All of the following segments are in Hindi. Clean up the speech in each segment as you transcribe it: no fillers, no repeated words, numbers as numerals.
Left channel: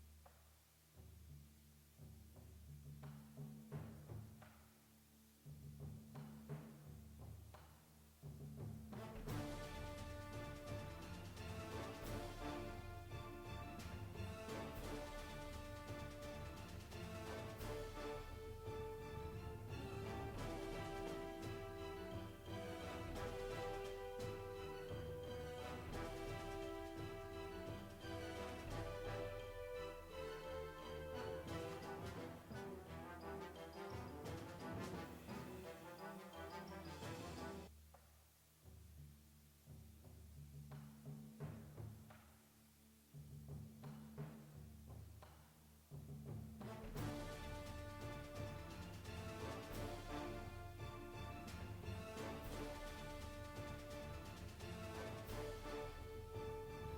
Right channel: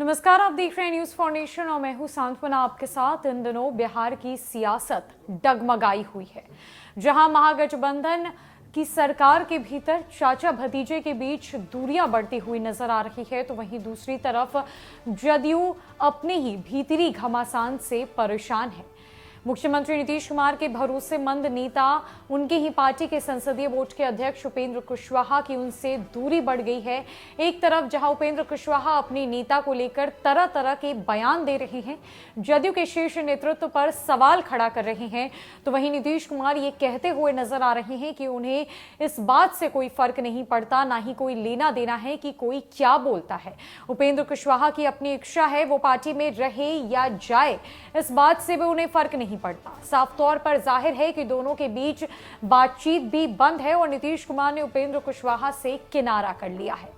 नमस्कार, आप देख रहे हैं न्यूज फाउंडेशन और मैं हूं सांत्वना आपके साथ। इन दिनों बिहार की सियासत डगमगाई हुई है, जहां महागठबंधन की सरकार के भीतर चाचा भतीजे के बीच दूरियां बढ़ती हुई नजर आ रही है, तो वहीं दूसरी तरफ जदयू अपने ही भीतरी घमासान से परेशान है। मुख्यमंत्री नीतीश कुमार के भरोसेमंद नेता, उनकी ही पार्टी के संसदीय बोर्ड के अध्यक्ष उपेंद्र कुशवाहा की उनसे दूरी बढ़ गई है। एक तरफ जहां उपेंद्र कुशवाहा अपने नेता को लेकर तरह तरह के बयान दे रहे हैं, जदयू के शीर्ष नेतृत्व पर सवाल खड़ा कर रहे हैं, तो वहीं नीतीश कुमार ये कहते हुए नजर आ रहे हैं कि उन्हें इस बात से कोई फर्क नहीं पड़ता, ना ही कोई लेना देना है कि कोई क्या बोलता है। उपेंद्र कुशवाहा की अपनी इच्छा है, वो पार्टी में रहे या जाए, इस बात से भी उन्हें फर्क नहीं पड़ता। साफ तौर पर जाहिर है कि दोनों के बीच बातचीत भी बंद है और नीतीश कुमार ने उपेंद्र कुशवाहा से किनारा कर लिया है।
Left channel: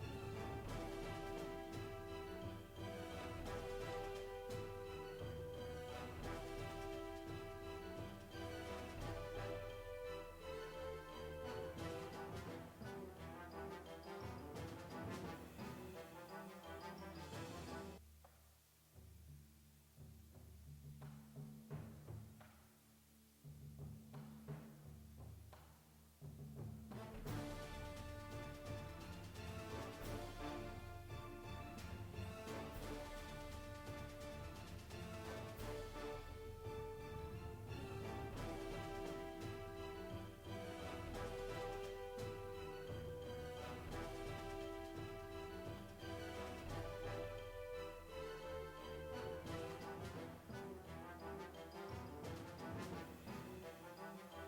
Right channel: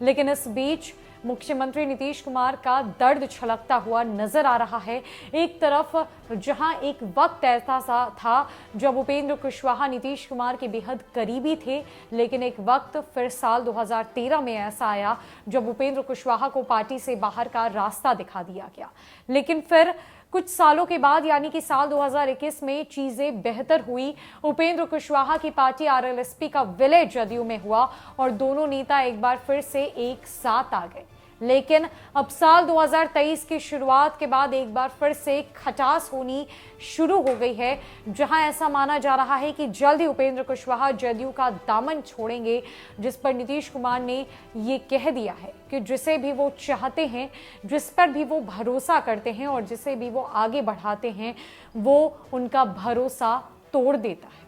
लेकिन इस बीच मुख्यमंत्री नीतीश कुमार का दर्द छलकता हुआ नजर आ रहा है। एक तरफ जहां एक वक्त ऐसा सा था जब उपेंद्र कुशवाहा नीतीश कुमार के बेहद करीबी थे, लेकिन एक वक्त फिर साल 2013 में ऐसा आया जब उपेंद्र कुशवाहा को पार्टी से बाहर का रास्ता दिखा दिया गया। लेकिन फिर कुछ सालों के बाद यानी कि साल 2021 में चीजें बेहतर हुई। उपेंद्र कुशवाहा की पार्टी आरएलएसपी का विलय जदयू में हुआ और दोनों नेता एक बार फिर से एक साथ आ गए। लेकिन अब साल 2023 की शुरुआत के बाद एक बार फिर से खटास होनी शुरू हो गई है, जहां ऐसा माना जा रहा है कि जल्द ही उपेंद्र कुशवाहा जदयू का दामन छोड़ेंगे, जिस पर नीतीश कुमार ने ये कह दिया है कि जिसे भी वो चाहते हैं, जिस पर भी वो भरोसा करते हैं और जिसे भी वो आगे बढ़ाते हैं, वो उनका भरोसा तोड़ देता है।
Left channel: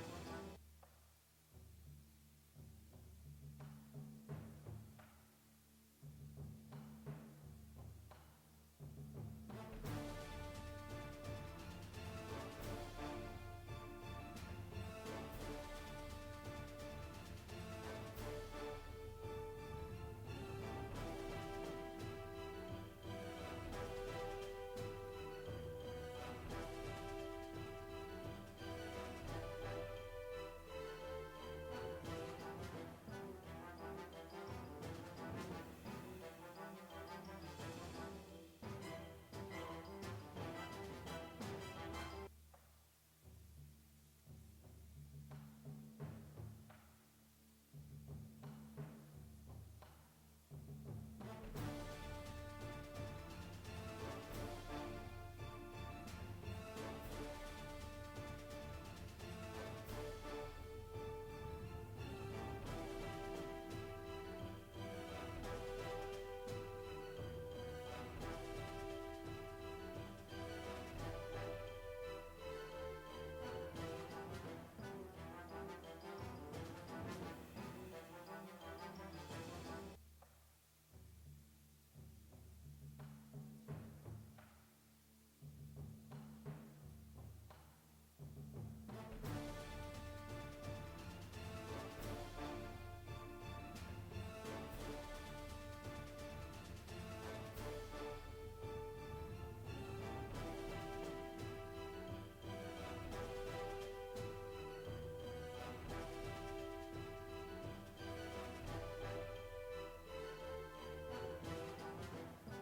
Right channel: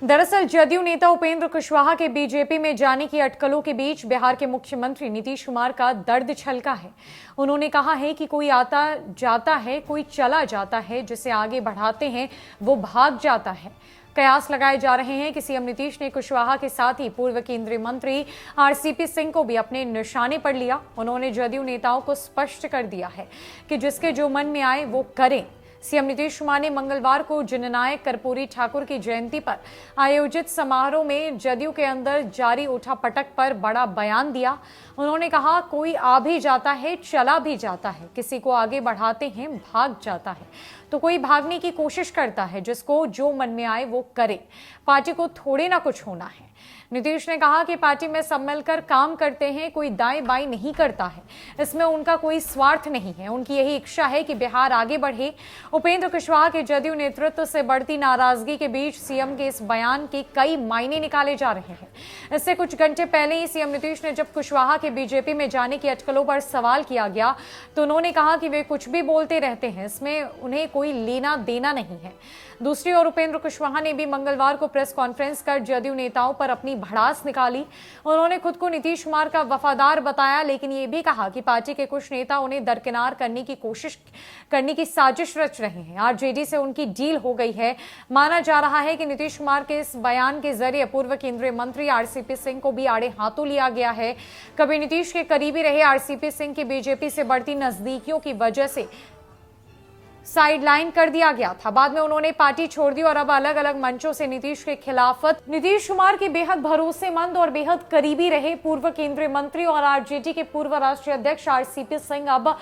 दरअसल जदयू नेता उपेंद्र कुशवाहा के बीजेपी में जाने की अटकलों के बीच बिहार के मुख्यमंत्री नीतीश कुमार का दर्द छलका है। उन्होंने कहा है कि कोई आता जाता है, कोई चला जाता है, जिसे आगे बढ़ाते हैं वो भाग जाता है। कयास लगाए जा रहे हैं कि सीएम नीतीश ने कुशवाहा के साथ ही पूर्व केंद्रीय मंत्री आरसीपी सिंह को भी अपने निशाने पर लिया। उन्होंने जदयू नेताओं को स्पष्ट कर दिया है कि जिसके जो मन में आए वो करें। सीएम नीतीश कुमार ने मंगलवार को जननायक कर्पूरी ठाकुर की जयंती पर आयोजित समारोह में जदयू के अंदर जारी उठापटक पर बड़ा बयान दिया। उन्होंने कहा, कोई आ भी जाता है, चला भी जाता है, किसी को आगे बढ़ाते हैं, भाग जाता है, तो कोई भागने की कोशिश करता है, जिसको जो मन में आए वो करे। पार्टी को थोड़े ना कुछ होना है। नीतीश ने कहा कि पार्टी में सब मिलकर काम करते हैं, कोई दाएं बाएं नहीं करता है, इसमें उनका कोई स्वार्थ नहीं है, उनकी यही इच्छा है कि बिहार आगे बढ़े। उपेंद्र कुशवाहा के जदयू नेतृत्व से बढ़ती नाराजगी के बीच सीएम के इस बयान के कई मायने निकाले जा रहे हैं। इससे कुछ घंटे पहले ही सीएम नीतीश ने जब कुशवाहा के बीजेपी में जाने की अटकलों पर सवाल किया गया, तो उन्होंने कहा कि वे कुछ भी बोलते रहते हैं, इसमें उन्हें कोई लेना देना नहीं है। दूसरी ओर उपेंद्र कुशवाहा ने भी मंगलवार को प्रेस कॉन्फ्रेंस कर जदयू नेताओं पर अपनी भड़ास निकाली। उन्होंने खुद को नीतीश कुमार का वफादार बताया, लेकिन ये भी कहा कि पार्टी के कुछ नेता उन्हें दरकिनार करने की साजिश रच रहे हैं। आरजेडी से उनकी डील हो गई है। माना जा रहा है कि नीतीश कुमार के इस बयान के जरिए पूर्व केंद्रीय मंत्री आरसीपी सिंह को भी आड़े हाथों लिया गया है। कभी नीतीश के करीबी रहे आरसीपी सिंह की बीजेपी से बढ़ती नजदीकियों की वजह से साइडलाइन कर दिया गया था। बाद में उन्होंने पार्टी छोड़ दी और अब अलग अलग मंचों से नीतीश के खिलाफत नीतीश कुमार के बेहद भरोसेमंद और बेहद करीबी रहे पूर्व केंद्रीय मंत्री और आरजेडी के पूर्व राष्ट्रीय अध्यक्ष आरसीपी सिंह अब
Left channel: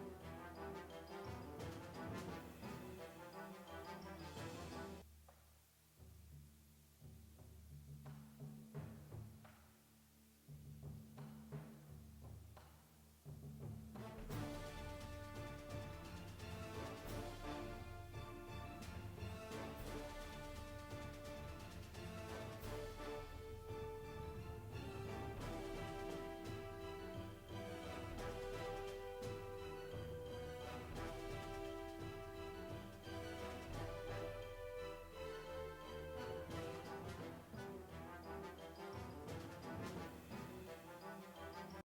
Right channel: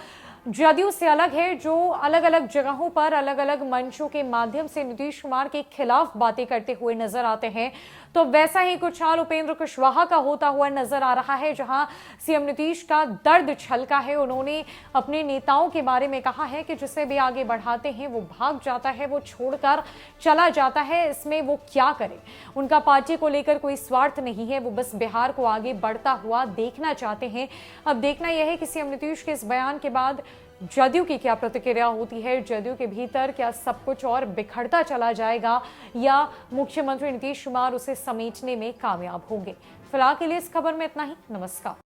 जदयू से अलग है, जो अलग अलग जगहों पर अलग अलग मंचों के माध्यम से नीतीश कुमार के खिलाफ बातें करते हुए नजर आते हैं। तो वैसा ही कुछ हाल उपेंद्र कुशवाहा का होता हुआ नजर आ रहा है, जहां सीएम नीतीश का दर्द छलका है। उन्होंने अपने नेताओं के बारे में कहा है कि जिसे भी आगे बढ़ाते हैं वो भाग जाता है, वो छोड़कर चला जाता है, इसमें वो क्या करे। उनका पार्टी को लेकर कोई स्वार्थ नहीं है, वो बस बिहार को आगे बढ़ता हुआ देखना चाहते हैं। अब देखना यह है कि सीएम नीतीश के इस बयान के बाद जदयू की क्या प्रतिक्रिया होती है। जदयू के भीतर क्या सब कुछ और बिखरता चला जाएगा या मुख्यमंत्री नीतीश कुमार उसे समेटने में कामयाब होंगे। फिलहाल के लिए इस खबर में इतना ही। नमस्कार।